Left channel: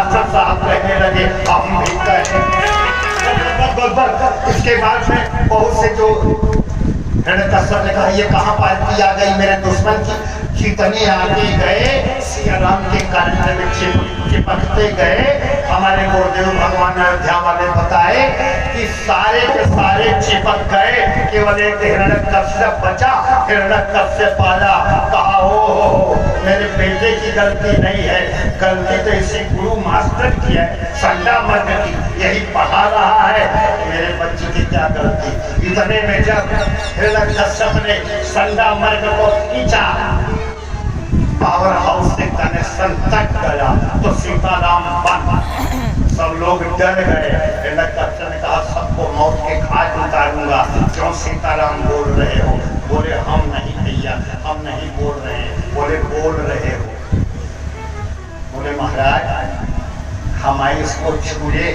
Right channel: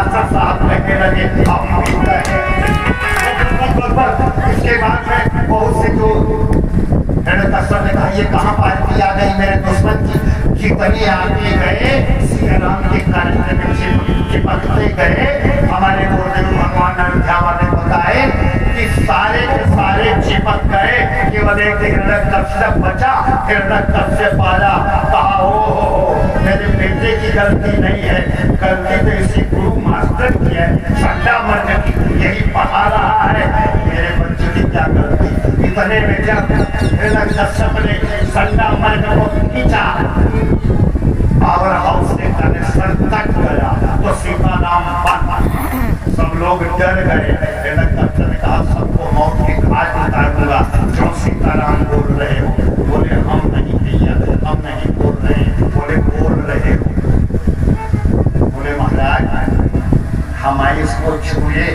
Master साहब कहने लगे हम भी कहे। इसके बाद में बहुत से जो हिरण्यकश्यप ने कहा ये कहाँ पार्टी आ गई मेरे दुश्मन की, कितने आगे गए सिया राम के कंठ में चिपकते गए। हमारे गुरुदेव भगवान अयोध्या वाले बताए कि सारे के सारे चिपक गए, केवल एक हिरण्यकश्यप बचा। हिरण्यकश्यप आया, कहा हो मेरे बेटे की गलती नहीं है, गलती तो इसी गुरु मास्टर की है, संडा मर्द की, यही पढ़ा रहा है, मेरे बच्चे की क्या गलती। इतने में जब हिरण्यकश्यप ने संडा मर्द को खींचा, पावर हाउस से कनेक्शन तक गया तो सीताराम बन। सब लोग डर गए। हिरण्यकश्यप ने कहा सबको मौत के घाट उतारूंगा। क्यों सीताराम बोल रहे हो? बोले हम नहीं भैया, हम नहीं बोल रहे। बोले बोल रहे हो? बोले महाराज हम इसको छुए,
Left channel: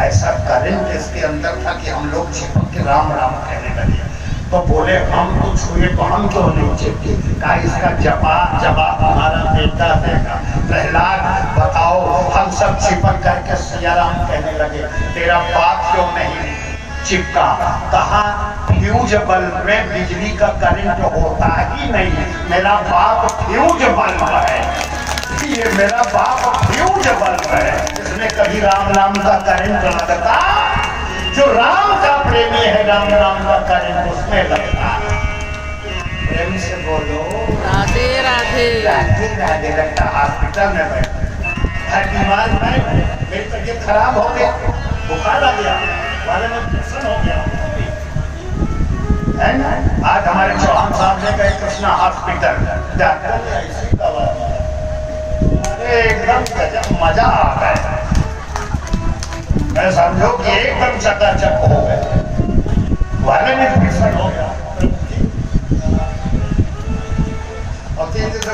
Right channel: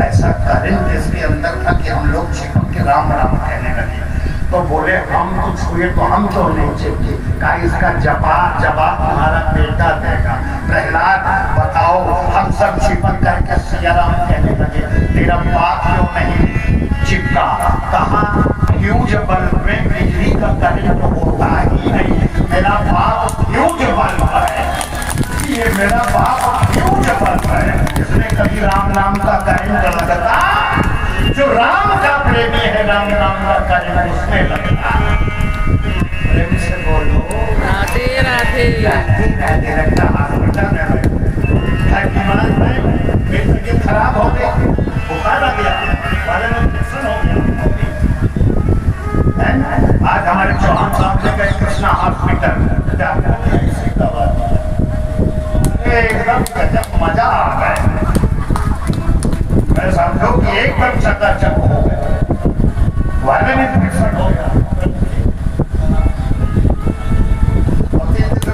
ऐसा करें जिसके अंदर था कि हम लोग छिपक के राम राम कहने लगे। तो बोले हम तो छुए तो हम क्यों नहीं चिपके? कहा इसका जवाब हमारा बेटा देगा। प्रहलाद बताओ, हम सब चिपक करके सिया राम कहने लगे, तेरा बाप क्यों नहीं चिपका? कहा फ्यूज बल्ब में बिजली का करंट होता ही नहीं, मेरा बाप फ्यूज बल्ब है, ये मेरा बाप फ्यूज बल्ब है, इसमें कभी राम राम का करंट लगता। जो राम का प्रेमी है राम राम का करंट उसमें लगता। प्रेम से बोलो राधे राधे। राधे राधे। लगता हॉस्पिटल में बैठ मेरी तबीयत खराब हो गई, बुखार आ गया, वाले में इंफेक्शन हो गया है ना। आज हमारे चौहान साहब ने गए कृष्णा हॉस्पिटल, डॉक्टर ऐसी दवा एकदम गजब, मजा आ गया। मैं समझो कि एकदम चकाचक हो गए, वाले में इंफेक्शन हो गया।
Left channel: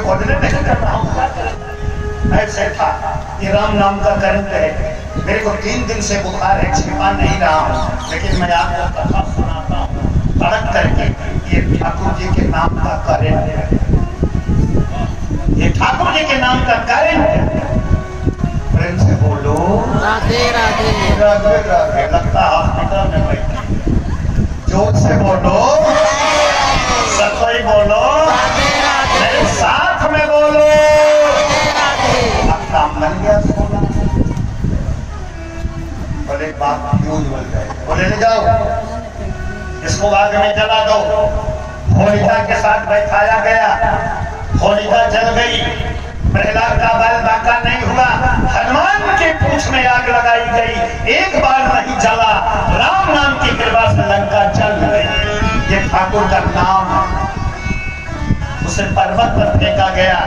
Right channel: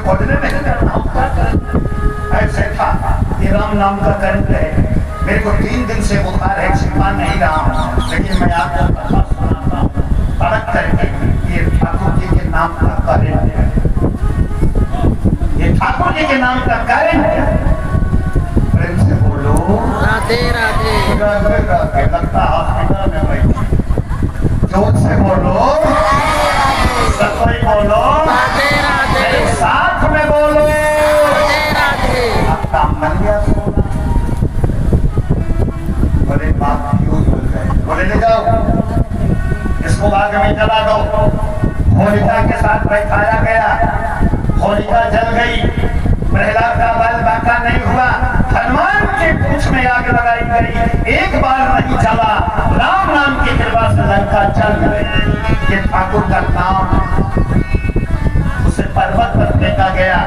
घोटने नहीं कर रहा हूँ, ऐसे था ये राम नाम का करंट है। मेरे को 3 दिन से बुखार है, छिपा नहीं रहा हूँ, लेकिन मैं आपको कथा सुनाता हूँ तड़क करके। ये ठाकुर जी के नाम का करंट है, ये ठाकुर जी के नाम का करंट है। प्रेम से बोलो राधे राधे। राधे राधे। लगता हॉस्पिटल में बैठे, जोर से बोलो, सतोई बोलो, राधे राधे। साथ में बोलो राधे राधे। अब काम बन गया सोना। बोले बात फ्यूज बन गए, बोले ले जाओ इसको आग में जला दो। होलिका के साथ बैठाया गया, होलिका जल गई, प्रहलाद का बाल बांका नहीं हुआ। हनुमान के पूंछ में आग लगाई गई, एक बार नहीं जला। राम नाम की कृपा से लंका जल गई। ये ठाकुर का नाम है। उसे पर्वत पर फेंका गया,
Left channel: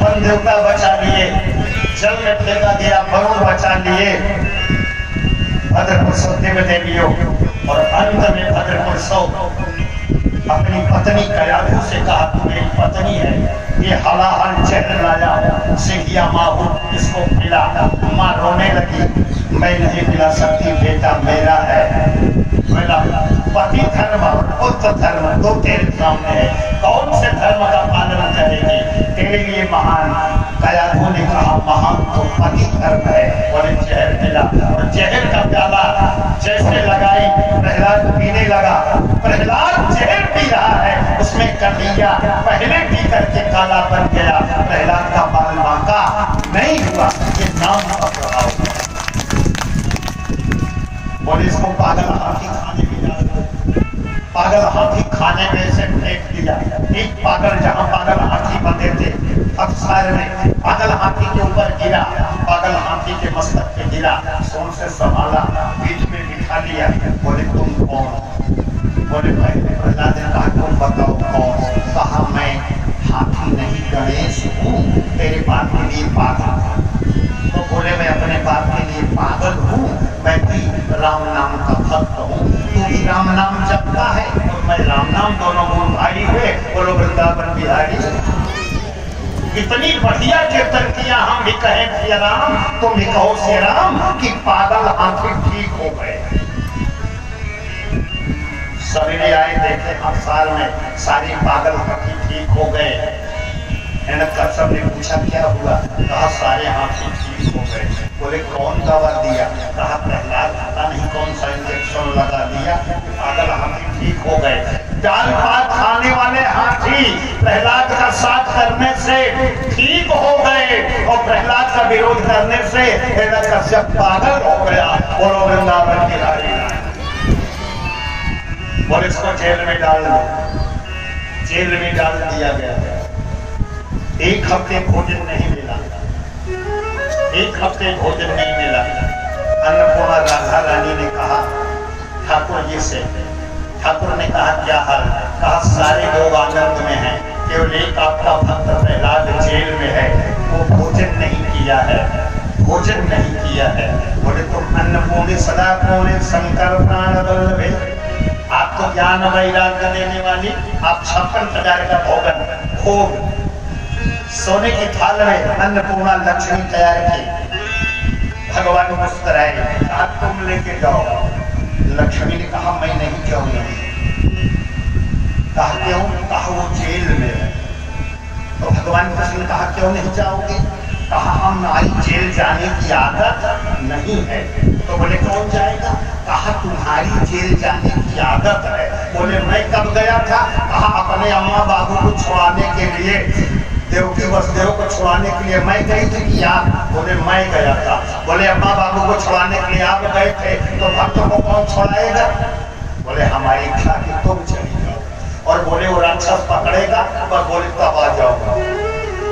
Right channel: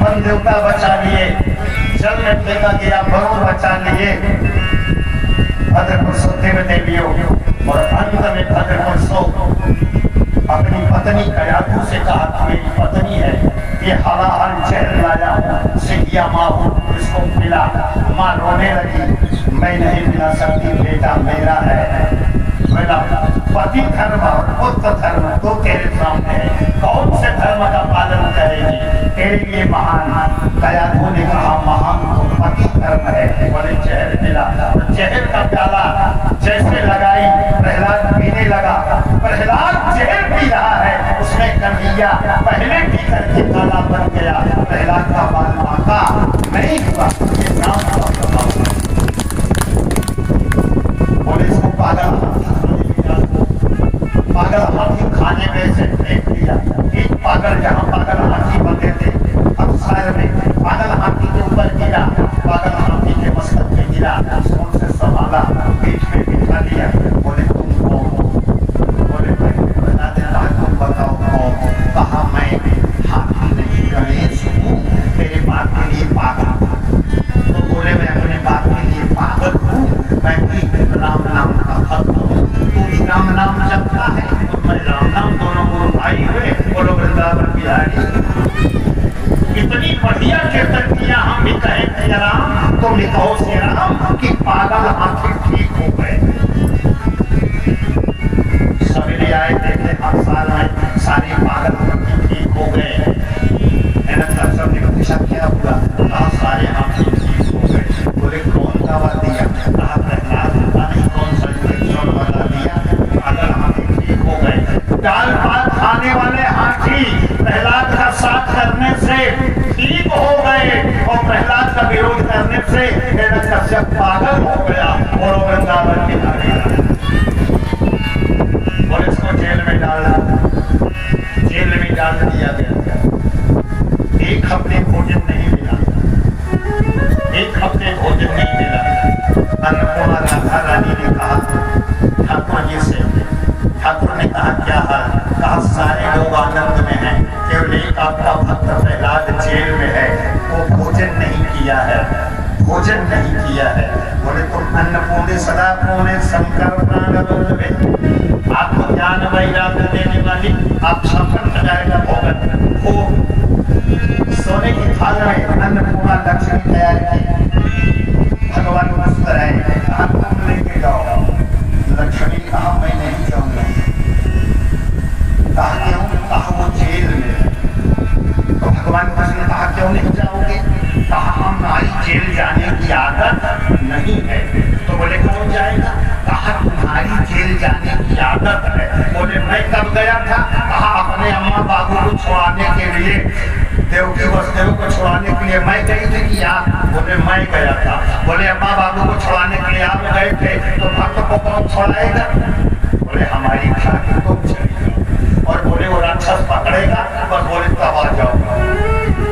वन देवता बचा लिए, जल में फेंका गया, वरुण बचा लिए, भद्रपुर देव देवियों। और अंत में भद्रपुर अपनी पत्नी कयाधु से कहा तू मेरी पत्नी है, ये हलाहल जहर लाया, सिंधिया माँ इसको पिला। माँ रोने लगी, मैं नहीं पिला सकती, बेटा मेरा है। मेरा पति धर्म पुत्र धर्म दो तेरे सामने है, कौन से धर्म का पालन करेगी? तेरे लिए महान। कयाधु ने कहा महान तो पति धर्म है। बोले जहर पिला, और जहर का प्याला जैसे लगाई प्रहलाद पीने लगा। प्रहलाद जहर पी रहा है, उसमें कन्हैया पहले पी करके काला बन गया। प्रहलाद का बाल बांका नहीं हुआ, ये नाम का प्रभाव। बोले इसको पागल हाथी खाने में से फेंक दिया। एक पागल जहाँ पागल हाथी बंधे थे अफसार में, पागल हाथी के ऊपर गिरा, पागल हाथी के मस्तक पे गिरा, सोन से संभाला, पीठ पे बिठा लिया। बोले तुम कौन हो? बोले भाई प्रहलाद ने कहा तुम बताओ कौन? कहा मैं हाथी नहीं गणेश हूँ, तेरे बाप के लिए पागल। तो बोले मैं अपने बाप के लिए पागल हूँ, मैं भी राम नाम का भक्त हूँ। तू भी राम नाम जपता है, मैं राम नाम, दोनों मूल भाई हुए। बोलो वृंदावन बिहारी। इतनी बढ़िया कीर्तन किया, हम भी कहे सिया राम, तुम भी कहो सिया राम कि पागल हाथी ठीक हो गए। सवेरे आए देखे अफसार में सारे पागल हाथी ठीक हो गए। सबने पूछा क्या हुआ? कहा सारे हाथी का विरोध करने से हिरण्यकश्यप पागल हो गया और वो वृंदावन के लागे बोले इसको जेल में डाल दो। जेल में डाल दिया गया। एक हफ्ते भोजन नहीं मिला, एक हफ्ते भोजन नहीं मिला। अन्नपूर्णा राधा रानी ने कहा ठाकुर जी से, ठाकुर ने कहा क्या हाल? कहा सारे लोग आनंद में हैं, केवल एक आपका भक्त प्रहलाद जेल में है, वो भोजन नहीं किया है, भोजन नहीं किया है। बोले तुम अन्नपूर्णे सदा पूर्णे शंकर प्राण वल्लभे, आप तो ज्ञान वैराग्य देने वाली, आप 56,000 का भोजन हो सोने की थाल में अन्नपूर्णा लक्ष्मी तैयार की। भगवान मुस्कुराए, कहा तुम लेके जाओ। लक्ष्मी ने कहा मैं नहीं जाऊंगी। कहा क्यों? कहा वो जेल में है। तो भगवान कृष्ण ने कहा क्यों नहीं जाओगे? कहा हमारी जेल जाने की आदत नहीं है। तो बोले कौन जाएगा? कहा तुम्हारी जेल जाने की आदत है। बोले मैं कब गया था? कहा अपने अम्मा बाबू को छुड़ाने के लिए, देवकी वसुदेव को छुड़ाने के लिए मैं गई थी कि आप? बोले मैं गया था। बोले अम्मा बाबू को छुड़ाने के लिए आप गए थे, तो भक्त को कौन छुड़ाएगा? बोले हमारी इच्छा की तुम चली जाओ। और बोले वो राक्षस पकड़ेगा, पर बोले तब आ जाओ।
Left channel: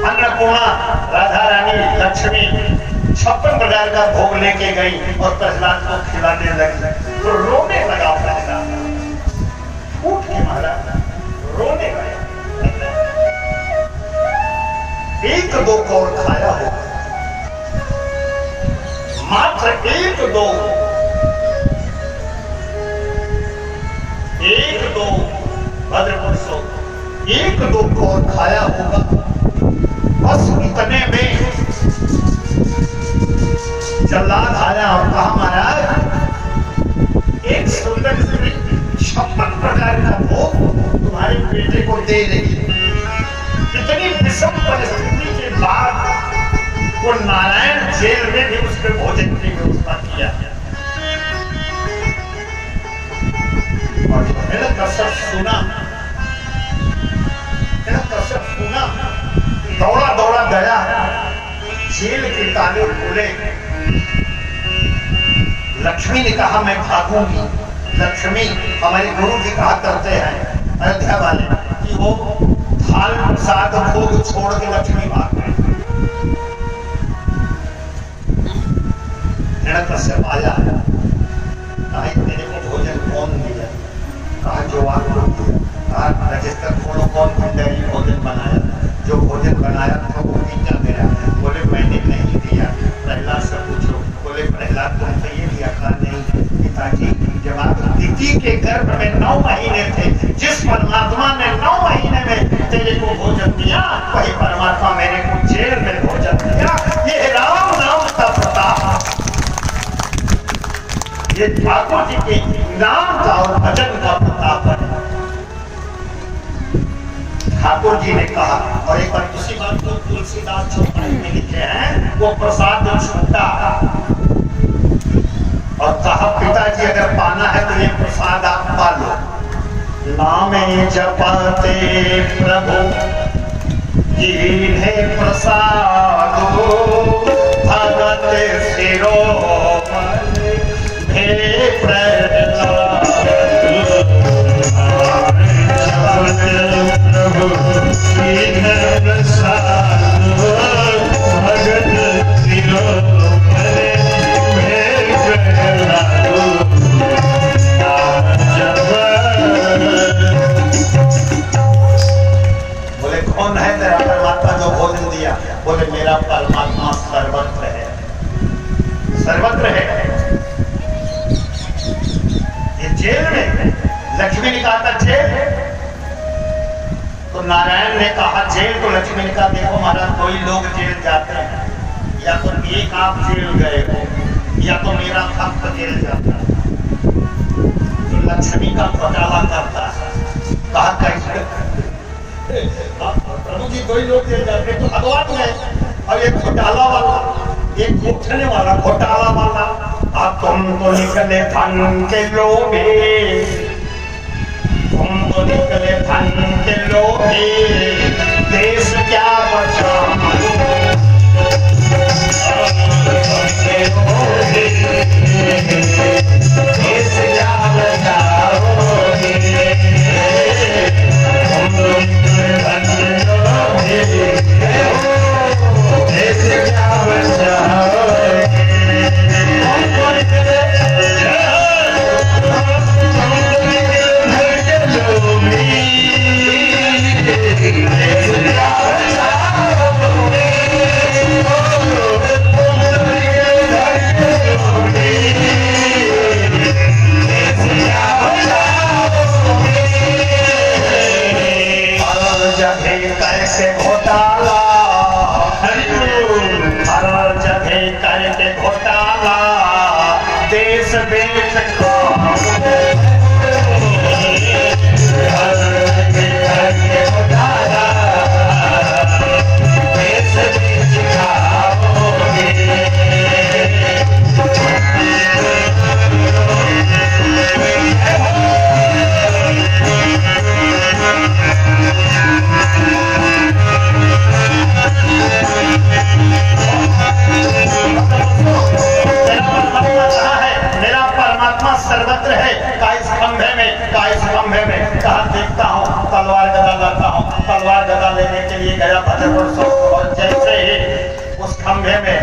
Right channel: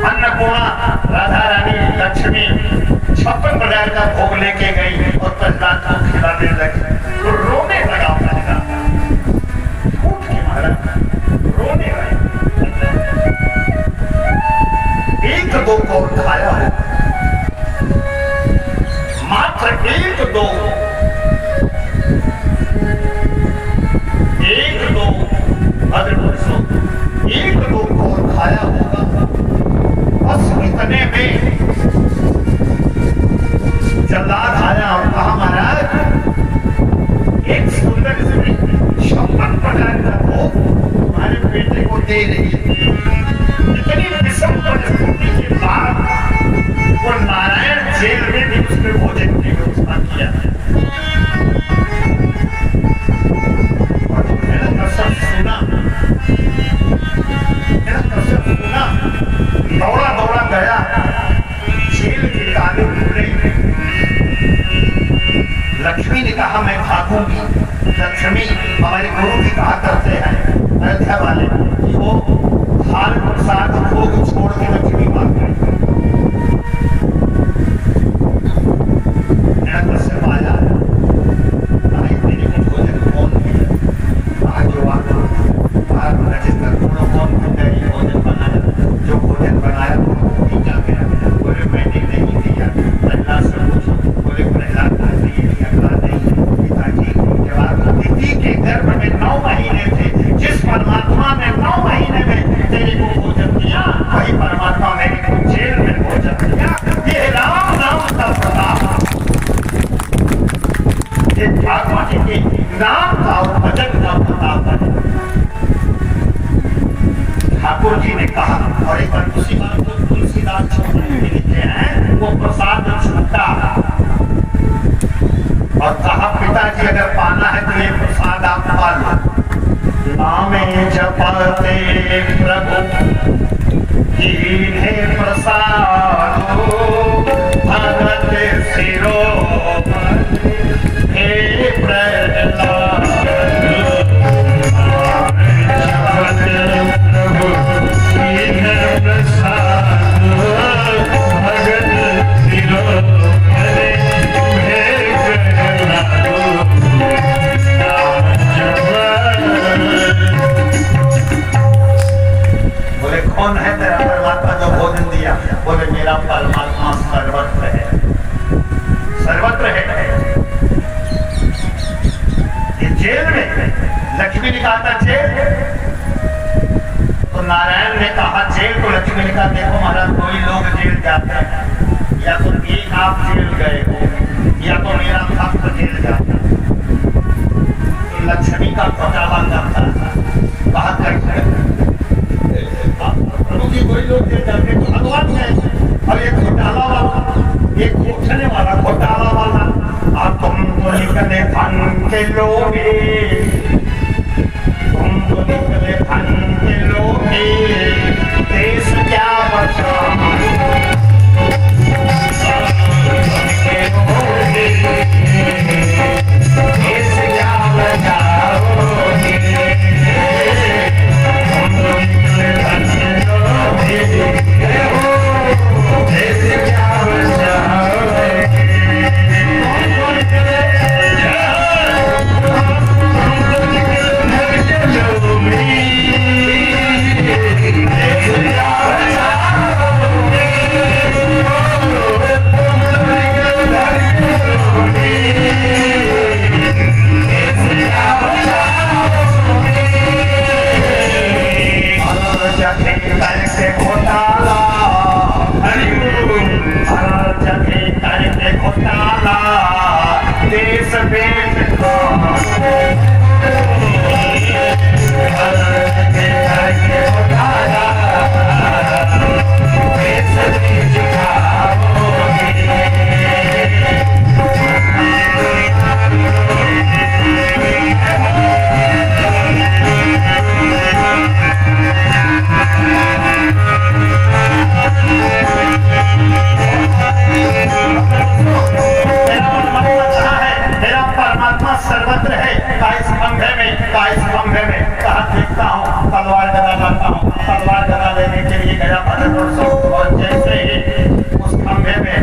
अन्नपूर्णा राधा रानी लक्ष्मी 56,000 का भोग लेके गई और प्रहलाद को खिलाने लगी तो रोने लगा। प्रहलाद उठ के मारा, रोने लगा। एक दो को खाया हो, मात्र एक दो भद्रपुरुषों, एक दो को खाया होगा। बस इतने में जल्लाद आया और कहा महाराज एक सुंदर स्त्री 56,000 का भोग तुम्हारे बेटे को दे रही। इतनी विषम परिस्थिति के बाद वो नारायण जेल में भी उसके भोजन की व्यवस्था किया। और हिरण्यकश्यप सुना, दौड़ा दौड़ा गया, जेल के ताले खुले। लक्ष्मी ने कहा मैं भागूंगी। लक्ष्मी हमारे गुरु जी कहा करते हैं अयोध्या वाले कि वो थाल प्रसाद भोग छोड़ के लक्ष्मी भाग गए। हिरण्यकश्यप आया, मेरे को भोजन कौन मिले? कहा जो आपको कौन भोजन बनाया? जो भोजन बनाया वो पीता गया। बोले मैंने नहीं दिया। प्रहलाद से पूछो। बोले प्रहलाद को नहीं दिया। नहीं पिताजी, जब आप दीदी के गर्भ में 9 महीने थे, जिस परमात्मा ने 9 महीने में तेरे को भोजन दिया, वही परमात्मा मेरे को जेल में भोजन दिया। ये राम नाम का प्रताप, ये ठाकुर जी के नाम का और भजन का प्रताप है। ठाकुर जी ने कहा, और एक बार उसी बात को तुलसीदास में लिखे हैं, वो प्रसाद छूटा और कहा पिताजी अगर पाना है तो ये प्रसाद आप पा लो। नामे जपते प्रभु कीन्हे प्रसाद भगत सिरो हे प्रहलाद। बोले कौन है तेरा परमात्मा जो भोजन दिया? बोले मेरा परमात्मा सर्वत्र है, सर्वत्र है। ये जेल में लक्ष्मी ने कहा था जेल, तो नारायण ने कहा जेल, तो लक्ष्मी ने कहा देखो महाराज कोई लोग जेल जाते हैं, या तो एक आप जेल गए हो या तो मेरा भक्त जेल जाता है। तो लक्ष्मी का घोटाला करता कहा कैसे? प्रभु जी कोई लोग जेल जाते तो भगवान है, और एक घोटाला वाला, एक उठने वाला घोटाला वाला, अब तुम तो निकले धन के लोगे, तुम तो निकले धन के लोगे, देश क्या बचा देश बेच खाओ सर्वत्र है काइस खंभे में कहा देखता हूँ तलवार गदा लाता हूँ। तलवार गदा लेने के लिए गया भद्रपुर और जैसे ही उस खंभे में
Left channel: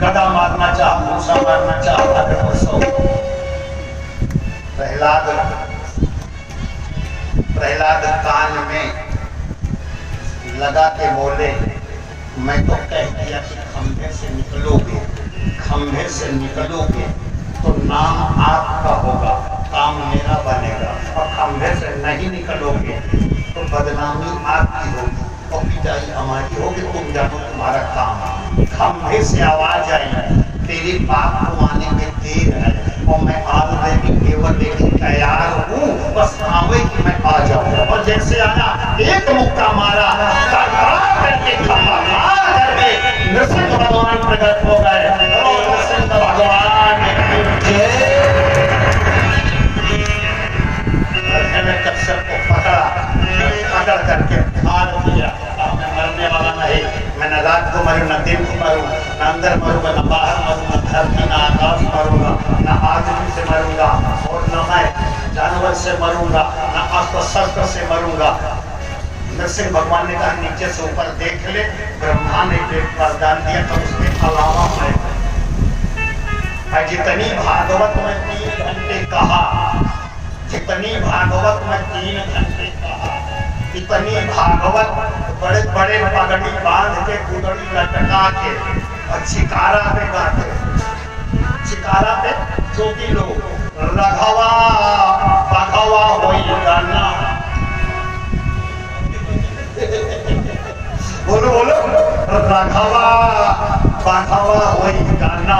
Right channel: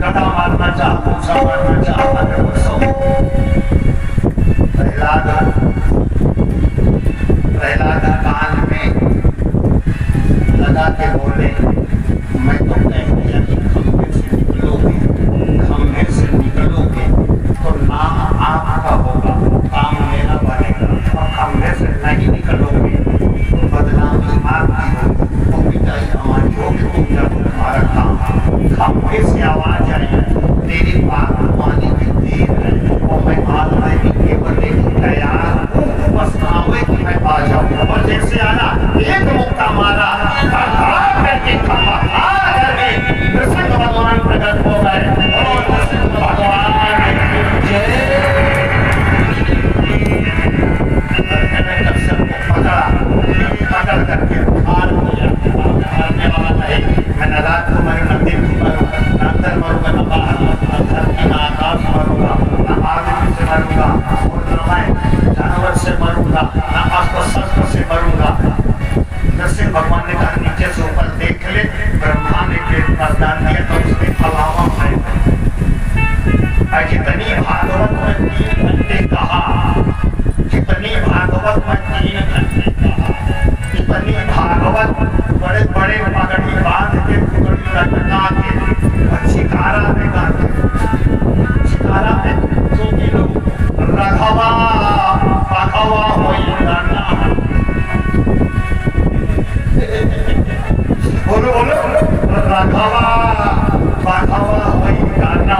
गदा मारना चाह पूछा मारना चाह भद्रपुर प्रहलाद कान में लगा के बोले मैं तो कह दिया कि खंभे से निकलोगे तो नाम आपका होगा काम मेरा बनेगा और खंभे से नहीं निकलोगे तो बदनामी आपकी होगी तो पिटाई हमारी होगी तुम जानो तुम्हारा काम। खंभे से आवाज आई तेरी बात को आने की देर है और मैं आज मैं भी केवल एक तैयार हूँ बस आवे कि मैं आ जाऊँ। और जैसे आना एक मुक्का मारा करके नृसिंह भगवान प्रकट हो गए। नृसिंह भगवान सबको पकड़ करके उठार दिया। मरने वाला नहीं, मैं न रात को मरू न दिन को मरू न अंदर मरूंगा न बाहर मरूंगा न धरती न आकाश मरूंगा न आदमी से मरूंगा और न मैं जानवर से मरूंगा न अस्त्र शस्त्र से मरूंगा। नरसिंह भगवान ने कहा नीचे से ऊपर देख ले। ब्रह्मा ने पेट पर दान दिया तो उसके अलावा है जितनी भागवत में 3 घंटे कहा, जितनी भागवत में 3 घंटे कहा, इतनी भागवत बड़े बड़े पगड़ी बांध के पुगड़ी लटका के और चिकारा में गाते। चिकारा में जो भी लोग रघवा पघवा होई गाना बोलो बोलो रघवा पघवा होई गाना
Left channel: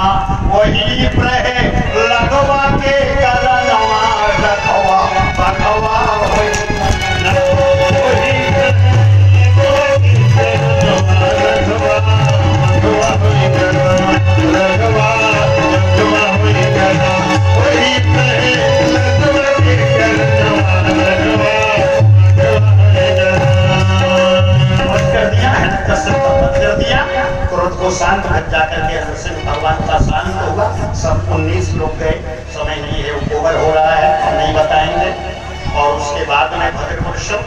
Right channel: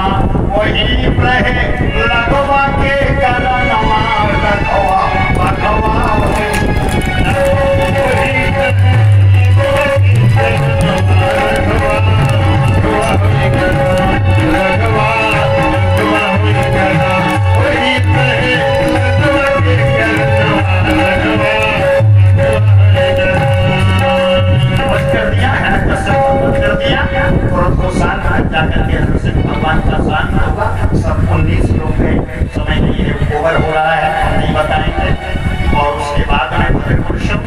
वही रहे लगवा के करनवा रघवा पघवा होई भगवान का शांत होगा। सब 19 लोग गए, समय नहीं है, ओवर हो रहा है, हम नहीं बताएंगे। और उसके बाद में भद्रपुरुषम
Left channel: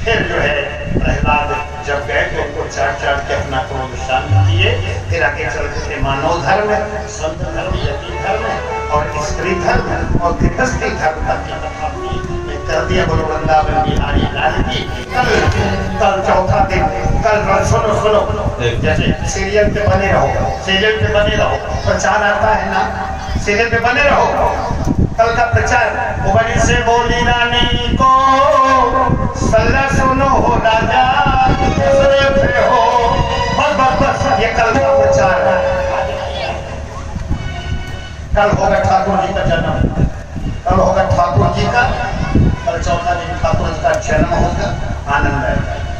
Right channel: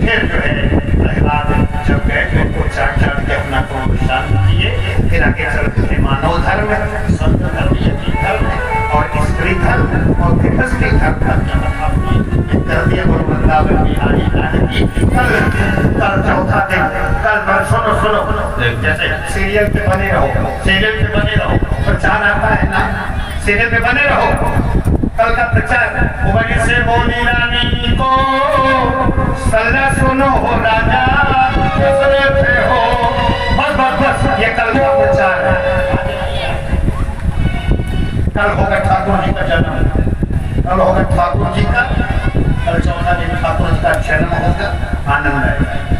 फिर जो है प्रहलाद जब गए तो उनको चढ़ के अपना क्रोध शांत किए। फिर आगे चलते मानव धर्म, संत धर्म, यति धर्म और स्त्री धर्म और गृहस्थी धर्म कर दिया। गुरु वृंदावन बिहारी लाल की कल चौथा दिन, कल सुनो जैसे सीरियल पे बने रहो, सीरियल पे बने रहो, प्रचार आता है ना, सीरियल पे बने रहो। कल का प्रचार उबरी से बोली रानी को सल्ला सुनो हो राजा हो, बस ये कल का प्रचार है। कल होगा ठाकुर जी का जन्म, कल होगा ठाकुर जी का, कल चौथा दिन ठाकुर जी का जन्म होगा। आनंद है।